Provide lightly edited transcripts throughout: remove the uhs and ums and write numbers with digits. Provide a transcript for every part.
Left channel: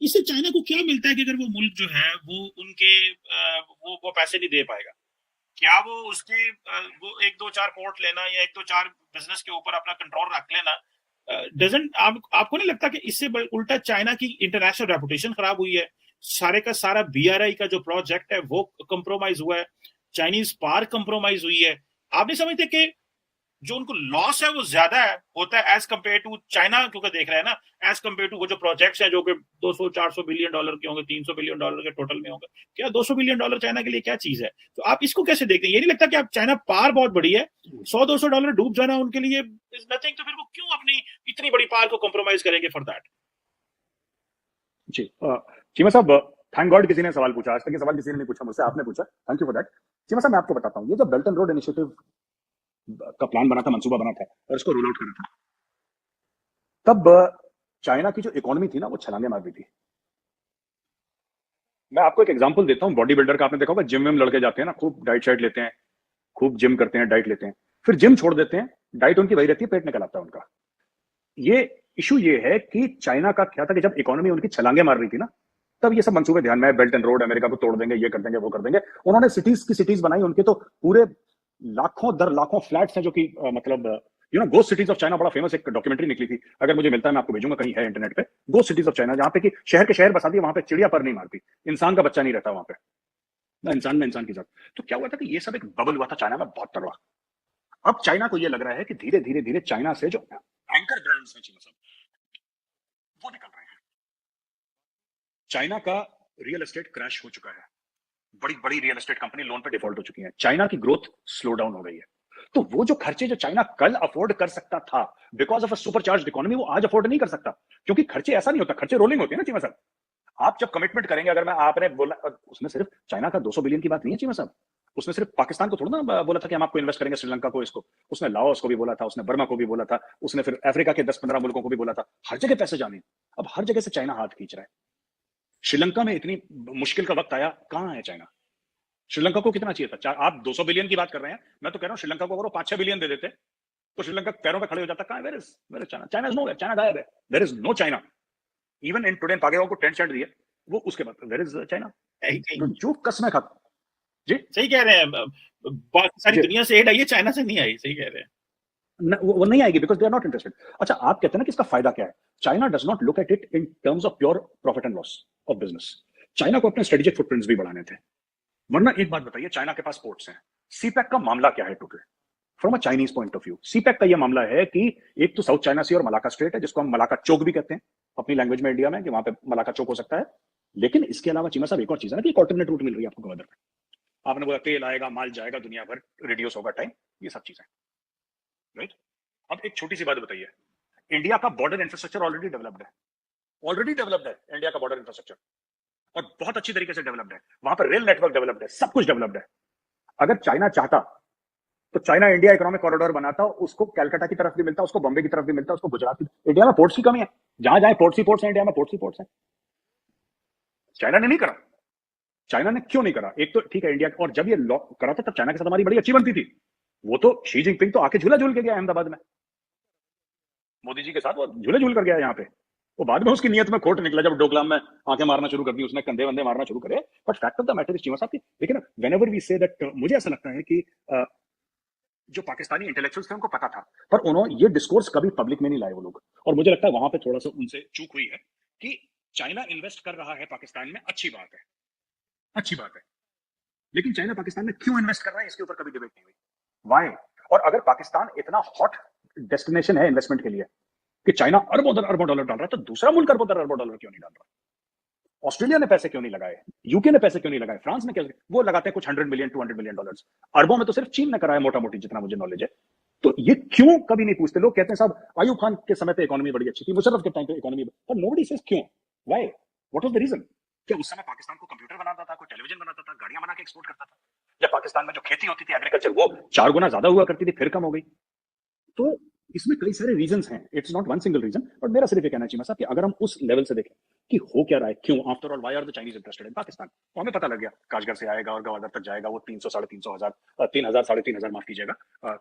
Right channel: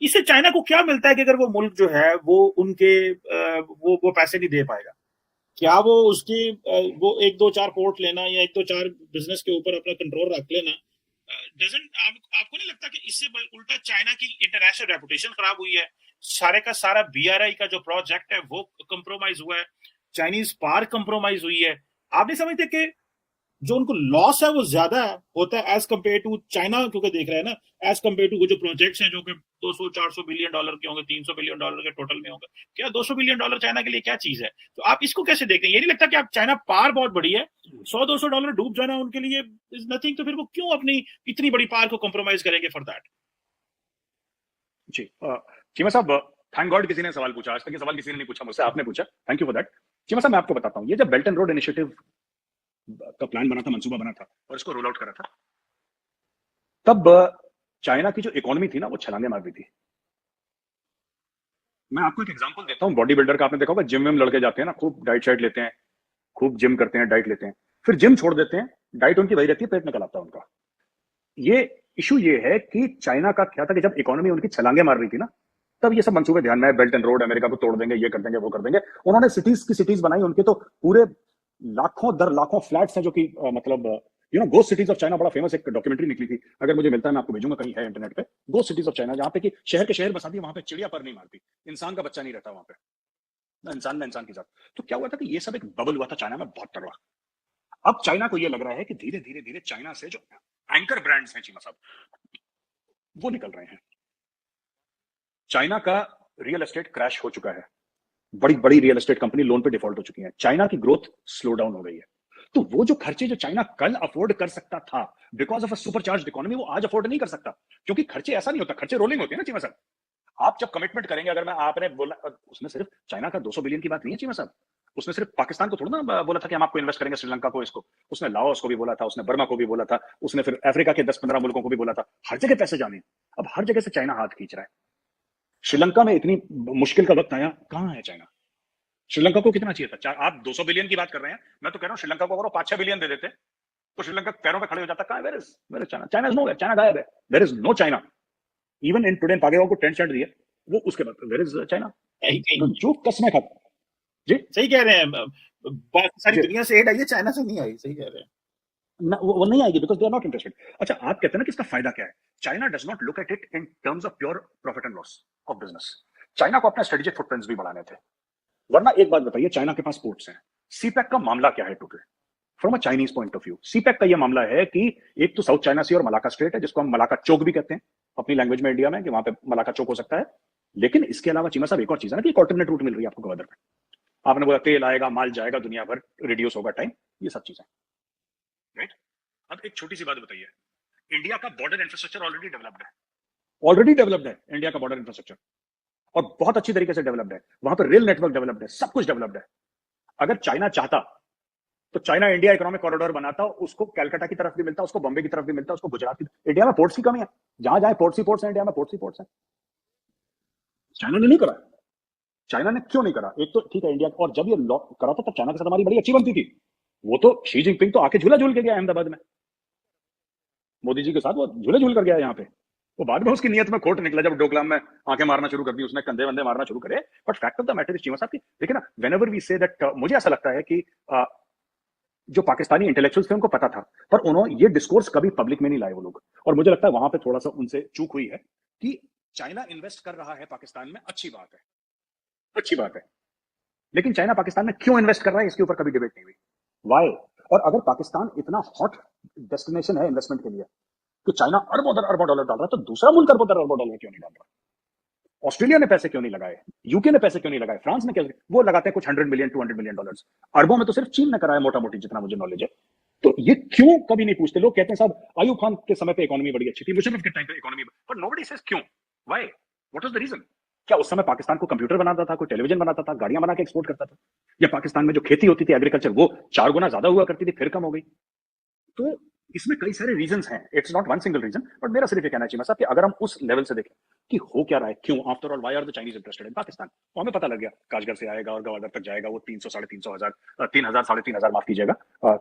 इससे चाइना को क्या मिलता है कि अगर वो मुल्क जो है वो उनके वो पैसे नहीं दे पाएगा? क्या वो उसके वो एक दो चार पोर्ट लेना या एक दो चार बिजनेस के ऊपर अपना कंट्रोल रख लेना, डजंट आपको नहीं लगता कि इससे उल्टा चाइना की इंटरनेशनल रेपुटेशन खराब हुई है? सारे का सारा बीआरआई का जो प्रोजेक्ट है वो कंप्रोमाइज हुआ है, चाइनीज पार कंप्रोमाइज हुई है। आप नहीं समझते कि जो उनको लॉस है वो ज्यादा है होता है एज कम्पेयर टू चाइना, क्योंकि देख रहे हैं ना, एज कम्पेयर टू वो जो प्रोजेक्ट्स हैं जो कि 200-400 बिलियन डॉलर के होंगे, 300 बिलियन डॉलर के टोटल में होंगे। क्या 200 बिलियन डॉलर चाइना के लिए क्या चीज है? तो आप इसको कैसे देखते हैं? ये नहीं लगता कि आप चाइना पार बहुत बड़ी है, 100-200 डॉलर डूब जाना उनके लिए इज नथिंग, तो फिर वो क्यों अपनी इतनी बड़ी पार को कॉम्प्रोमाइज करेंगे फॉर दैट? जी चीमा साहब, थैंक गॉड किसी ने सवाल पूछा। आज तक ये सवाल किसी ने नहीं पूछा मुझसे, आपने पूछा, thank you for that. Cheema साहब, मैं आपको बताता हूँ, ये जब बेल्ट एंड रोड इनिशिएटिव का प्लान बना था, मंसूबा बना था और इसको रोल आउट करा था, तब चाइना की जो इकोनॉमी थी ना वो छलांगे मार रही थी। मैं आपको एक एग्जांपल देता हूँ, बॉडी बिल्डर का आपने देखा होगा, जिम में लड़के जाते हैं ना, खूब डाइट शाइट लेते हैं, खूब जिम करते हैं, डाइट लेते हैं, फिर जिम छोड़ देते हैं, डाइट उनकी वही रहती है, पेट निकल आता है उनका। ये इशू ये है कि चाइना का क्या था कि जब इकोनॉमी उनकी छलांगे मार रही थी ना, तब ये सब मंसूबे ध्यान में, बेल्ट एंड रोड, अमेरिका को तोड़ देंगे, ये कर देंगे, वो कर देंगे। उन्होंने सिटीज की सिटीज बनाई, उनके तो पूरे लाखों दर लाखों फ्लैट्स हैं जो कि मतलब गोस्ट सिटीज ऑफ चाइना, बड़ा फेमस एक डॉक्यूमेंट्री निकली थी, अगर मुझे मिलता है मैं आपको भेजूंगा, कहीं है इंटरनेट पे, गोस्ट सिटीज ऑफ चाइना, जहां पे कि शहर के शहर बसा दिए, वहां पे चिड़िया पर नहीं मारती, इंसान का बच्चा नहीं रहता वहां पे, ना इंसान की जात। तो क्या हुआ था कि ये सब एक बबल हुआ था चाइना में बहुत तगड़ा। अब चाइना को ये लग रहा है कि धीरे धीरे धीरे चाइना से जो एंकर ब्रांड्स हैं चीमा साहब, वो निकल रहे हैं। चाइना का रियल एस्टेट क्रैश हो चुका है, बड़ी बड़ी रियल एस्टेट कंपनी लोन पे डिफॉल्ट हो चुकी है, चाइना की ग्रोथ स्लो डाउन हो गई है। तो वो जो खर्चे जो चाइना कल अफोर्ड कर सकता था because of a super charge economy, वो आज अफोर्ड नहीं कर सकता, क्योंकि खर्चे ऐसा नहीं होता, खर्चे रोलिंग होते हैं ना चीमा साहब। आप जब कमिटमेंट करेंगे, अगर मैं आपने बोला, उसमें सिर्फ चाइना का 200 बिलियन की बात नहीं है चीमा साहब, उसने सिर्फ पाकिस्तान को थोड़ा ना बोला था कि हम आपको इन्वेस्ट करेंगे, श्रीलंका को, इसको, उसने लाओस को भी बोला था, उसने बर्मा को भी बोला था, उसने फिर अफ्रीका के 10-15 मुल्कों को भी बोला था, हर जगह पैसे जाने। अब हर जगह से चाइना हाथ खींच रहा है। श्रीलंका में इतनी मुश्किल का वक्त आया, कहां है चाइना? श्रीलंका को कितना चाहिए था? आप 200 बिलियन की बात कर रहे हैं, मैं तो कह रहा हूं श्रीलंका को अगर 5-6 बिलियन दे देते तो श्रीलंका पैरों पे खड़े हो जाता। कहां है? Where is China? China is no, China गायब है, where is no China. Even in today पागेगा को 10 सेंट दिए, वो उसके बाद वेयर इज चाइना? जो कसमें खाता। जी सही कह रहे हैं, बाकी सारी जी, दुनिया से एड आई है, चाइना से नहीं आई, सही कह रहे हैं। वो नहीं आएगी because they are not interested. अच्छा, आप कहते हैं ना कि इसका फायदा क्या है? China does not look at it in terms of pure profit and loss of business. China को अपने स्ट्रेटेजिक फुटप्रिंट्स भी बढ़ाने थे। वरना एक बात बताइए, चाइना के पास पोर्ट्स हैं, सीपैक का मामला क्या है total from a Chinese point of view? CPEC का यह मामला है कि एक तो साउथ चाइना सी और मलाका स्ट्रेट है, जिसको हम मलाका चौक भी कहते हैं अपनी लैंग्वेज में इंडिया में, कि वहां पे मलाका चौक हो सकता है। लेकिन इसके अलावा चीमा साहब एक और चीज है ना, कि एक ऑल्टरनेट रूट मिल रही है आपको गवर्नर में। आपने बोला तेल आएगा, माल जाएगा, दुनिया भर रिड्यूस होगा टाइम, ये सब चीजें, राइट? अब एक छोटी सी बात बताइए, इंडिया का बॉर्डर इंफ्रास्ट्रक्चर ऑलरेडी डेवलप्ड है इंडिया का बॉर्डर इंफ्रास्ट्रक्चर, और बहुत अच्छी तरीके से डेवलप्ड है। वहां पर रेल नेटवर्क डेवलप्ड है, सब कुछ डेवलप्ड है। अगर चाइना चाहता तो चाइना इंडिया इकोनॉमिक कॉरिडोर बनाता, उसको कलकत्ता की तरफ भी मिलता, उसको बॉम्बे की तरफ भी मिलता, उसको गुजरात की। इंडिया में पोर्ट्स की कमी है, जहां जाए पोर्ट्स ही पोर्ट्स है, इंडिया में पोर्ट्स ही पोर्ट्स है। चाइना ने नहीं करा। चाइना ने क्यों नहीं करा? एक तो ठीक है इंडिया, और जब ये लॉ करा था तब चाइना के साथ हमारी बड़ी अच्छी बनती थी। वो तो शी जिनपिंग तो आके झूला झूल के गया अहमदाबाद में, मोदी जी के साथ वो झूले झूल कर गया यहाँ पे। वो बाद में उसकी नीयत में खोट निकला जब डोकलाम में आंखें मारना शुरू कर दी, उसने कंधे वंधे मारना शुरू करे। But fact of the matter is Cheema साहब की, देखिए ना, व्हेनेवर वी से दैट, मुझे ऐसा लगता है कि जो पाकिस्तानी इंटेलेक्चुअल्स थे उनको पता था, पर उन्होंने ये डिस्कोर्स कभी पब्लिक में नहीं लाए वो लोग। और मुझे लगता है वहां पे थोड़ा सा उनसे चूक हुई है कि चाइना इन्वेस्ट कर रहा है पाकिस्तान में, अच्छी बात है, अच्छी बात है, लेकिन चाइना पाकिस्तान में क्यों इन्वेस्ट कर रहा है इसके ऊपर कभी डिबेट नहीं हुई। वाई? और अगर पाकिस्तान इतना हॉट डेस्टिनेशन है इन्वेस्टमेंट के लिए कि चाइना अरबों डॉलर डाल रहा है, तो दूसरा मुल्क अरबों डॉलर क्यों नहीं डाल रहा? ऑस्ट्रेलिया ने पैसे क्यों नहीं लगाए? यूके ने पैसे क्यों नहीं लगाए? फ्रांस ने क्या? वो लगाते हैं कुछ 100 मिलियन 200 मिलियन डॉलर। अरबों में तो सिर्फ चीन ने कराया मोटा मोटी, जितना मुझे नॉलेज है। तो ये क्यों कभी नहीं पूछते? लोग कहते हैं साहब अयूब खान के समय पे इकोनॉमी बड़ी अच्छी थी, मुशर्रफ के टाइम पे इकोनॉमी, पर नोबडी सेज क्यों, why, what was the reason? क्या उस समय पाकिस्तान को कंप्यूटर बनाता था, कोई टेलीविजन बनाता था, गाड़ियां बना के एक्सपोर्ट करता था? या पाकिस्तान में जो खेती होती थी एग्रीकल्चर, वो 4 गुना ज्यादा हुआ करती थी, फिर कम हो गई? तो इसमें कई सारे रीजंस हैं, it's not one single reason. But मेरा सिर्फ ये कहना चाहिए साहब कि अगर हम उस लेवल से देखें कि हो क्या रहा है, क्यों, after all why are the Chinese interested in Pakistan, तो हमें पता लग गया, काशगर से आएगा और गवादर तक जाएगा, वो 300-350 हजार 3,000 3,500 माफ कीजिएगा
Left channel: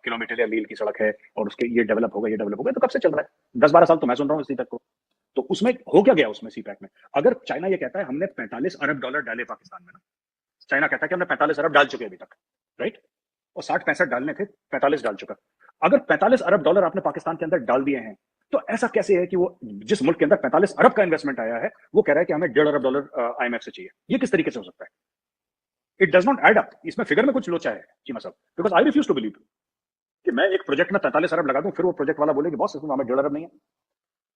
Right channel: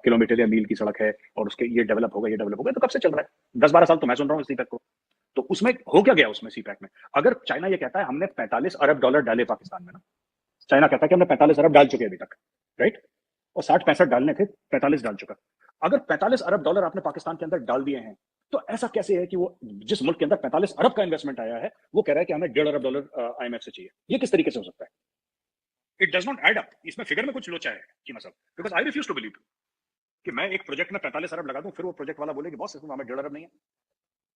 किलोमीटर या मील की सड़क है, और उसके ये डेवलप होगा, ये डेवलप होगा। तो कब से चल रहा है? 10-12 साल तो मैं सुन रहा हूँ इस दीपक को। तो उसमें हो क्या गया उसमें सीपैक में? अगर चाइना ये कहता है हमने $45 अरब डाले पाकिस्तान में ना, चाइना कहता है कि हमने 45 अरब डाल चुके अभी तक, राइट? और 60-65 डालने थे, 45 डाल चुका। अगर $45 अरब आपने पाकिस्तान के अंदर डाल दिए हैं, तो ऐसा कैसे है कि वो जिस मुल्क के अंदर 45 अरब का इन्वेस्टमेंट आया है, वो कह रहा है कि हमें $1.5 अरब IMF से चाहिए? ये किस तरीके से हो सकता है? It does not add up. इसमें फिगर में कुछ लोचा है चीमा साहब, because I refuse to believe कि मैं एक प्रोजेक्ट में 45 अरब लगा दूं, फिर वो प्रोजेक्ट वाला बोले कि बॉस इसमें हमें 1.5 अरब नहीं है।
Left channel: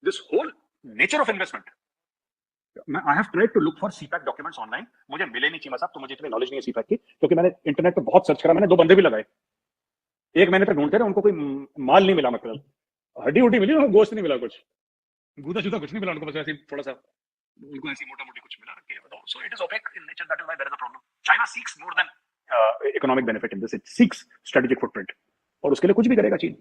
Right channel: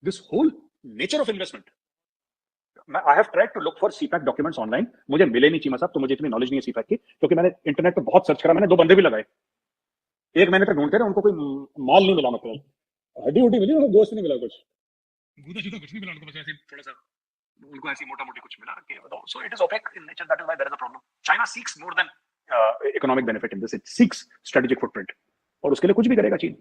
This whole nature of investment, I have tried to look for CPEC documents online, मुझे मिले नहीं चीमा साहब, तो मुझे इतनी नॉलेज नहीं है सीपैक की, क्योंकि मैंने इंटरनेट पे बहुत सर्च करा, मैंने 2 बंदे भी लगाए, 1 महीने तक ढूंढते रहे, उनको कोई माल नहीं मिला, मतलब हड्डी उड्डी मिली, गोश्त नहीं मिला, कुछ गूदा शुदा कुछ नहीं मिला उनको, बस ऐसे थोड़ा सा उनको ऐसी मोटा मोटी कुछ मिला कि बताओ। So it is opaque in nature, that is why there is a problem. China seeks more than economic benefit in this, it seeks strategic footprint, और उसके लिए कुछ भी करेगा चीन।